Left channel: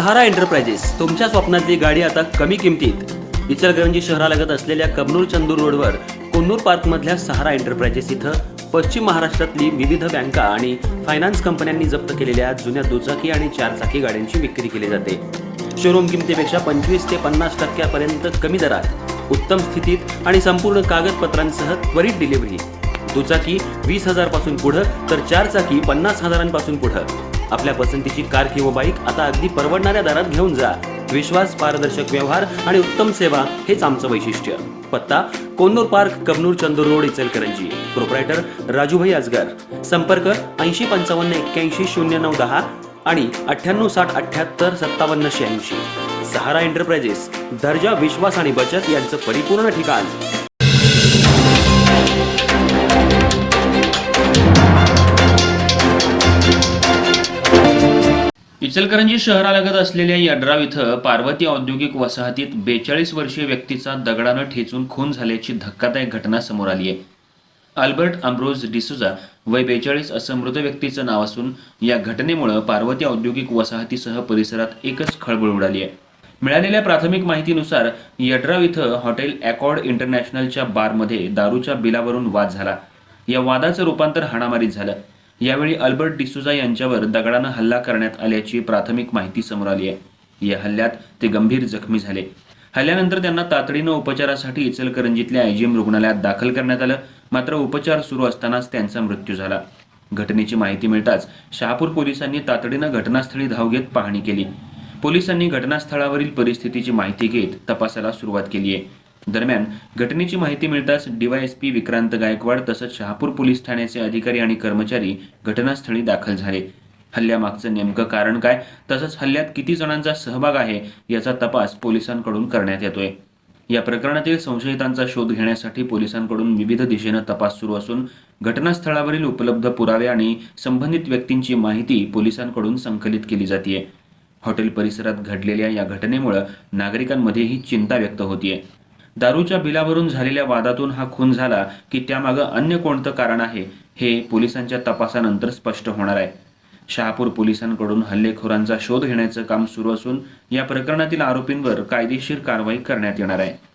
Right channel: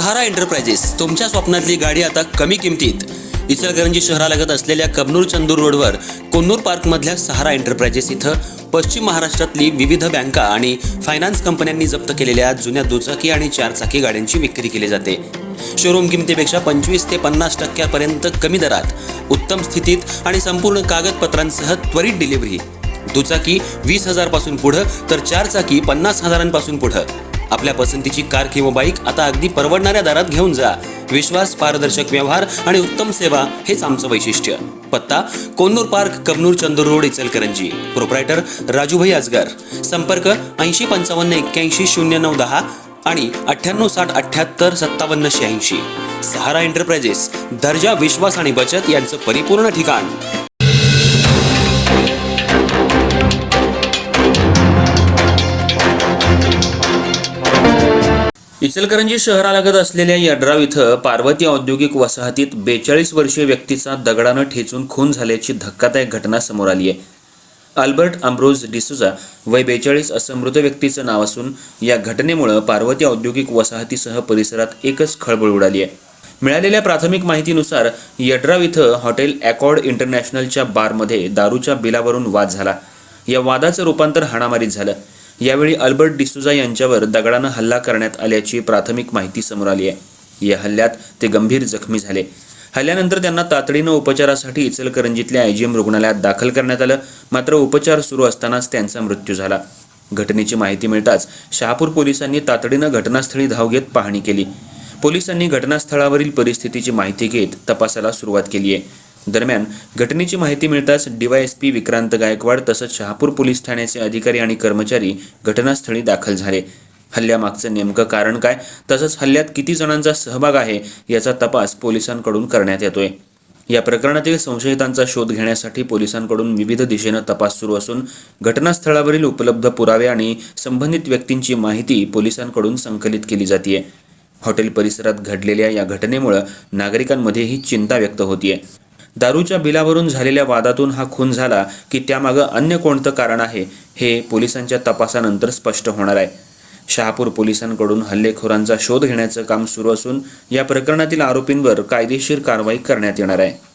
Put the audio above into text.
सहारा enterprises तुमच्या स्वप्नातली गाडी आता कमी किमतीत. इचलकरंजी शहरालगत असलेल्या कबनूर चंदूर रोडवर कोन्नूर पार्कमधल्या सहारा एंटरप्राइजेस इथं पश्चिम महाराष्ट्रातली विविध बँका आणि फायनान्स कंपन्यांनी जप्त केलेल्या जुन्या दुचाकी आणि चारचाकी गाड्यांची विक्री केली जाते. शोरूम किमतीपेक्षा 25 ते 50% कमी दरात, उत्तम स्थितीत आणि संपूर्ण कागदपत्रांसह त्वरित डिलिव्हरी. दुचाकी 20,000 पासून पुढे तर चारचाकी 50,000 पुढे. आपल्या पसंतीची कार किंवा बाईक आता अगदी परवडणाऱ्या दरात घेऊन जा. विश्वास, पारदर्शक व्यवहार आणि उत्तम सेवा हेच आमचं वैशिष्ट्य. पत्ता Konnur park, Kabnur Chandur road, Ichalkaranji. Proprietor Rajubhai Ajgar. संपर्क 8055810910 आणि 9860785786. सहारा एंटरप्राइजेस, दर्जा, विश्वास आणि बचत यांचं परिपूर्ण ठिकाण. इचलकरंजी शहरालगत असलेल्या यड्राव इथं पार्वती औद्योगिक वसाहतीत 42 वर्षीय व्यक्तीचा दगडानं ठेचून खून झाल्याची धक्कादायक घटना समोर आली आहे. अल्बर्ट अम्ब्रोज डिसूजा वय 42 असं मृत व्यक्तीचं नाव असून या घटनेमुळे पार्वती औद्योगिक वसाहतीसह परिसरात एकच खळबळ उडाली आहे. मिळालेल्या प्राथमिक माहितीनुसार यड्राव इथं हॉटेल ॲकॉर्ड इंटरनॅशनलच्या बारमध्ये दारूच्या बिलावरून वाद झाला. या वादाचं रूपांतर हाणामारीत झालं. यावेळी अल्बर्ट डिसूजा यांच्यावर दगडानं हल्ला करण्यात आल्याची प्राथमिक माहिती समोर आली आहे. या हल्ल्यात ते गंभीर जखमी झाले. हल्ल्यानंतर त्यांना तातडीनं उपचारासाठी इचलकरंजीतल्या IGM रुग्णालयात दाखल करण्यात आलं. मात्र उपचार सुरू असतानाच त्यांचा मृत्यू झाला. घटनेची माहिती मिळताच शहापूर पोलिसांनी तातडीनं घटनास्थळी धाव घेत पाहणी केली. पोलिसांनी घटनास्थळावरील परिस्थितीची माहिती घेत तपासाला सुरुवात केली आहे. दरम्यान घटनेची माहिती मिळताच DYSP विक्रांत गायकवाड तसंच शहापूर पोलीस ठाण्याचे अधिकारी आणि कर्मचारी घटनास्थळी दाखल झाले. हल्ल्यामागचं नेमकं कारण काय, तसंच हल्ल्यात किती जणांचा सहभाग आहे याचा तपास पोलिसांकडून करण्यात येतोय. या प्रकरणातील संशयितांचा शोध घेण्यासाठी पोलिसांकडून विविध दिशेनं तपास सुरू असून घटनास्थळावरील उपलब्ध पुरावे आणि संबंधित व्यक्तींची माहिती पोलिसांकडून संकलित केली जाते. हॉटेल परिसरात घडलेल्या या घटनेमुळे नागरिकांमध्येही चिंता व्यक्त होतीये. दारूच्या बिलावरून झालेल्या वादातून हा खून झाला की त्यामागं अन्य कोणतं कारण आहे हे पोलिसांच्या तपासानंतर स्पष्ट होणार आहे. शहापूर पोलिसांकडून हल्लेखोरांचा शोध घेण्याचं काम सुरू असून या प्रकरणातील आरोपींवर कायदेशीर कारवाई करण्यात येणार आहे.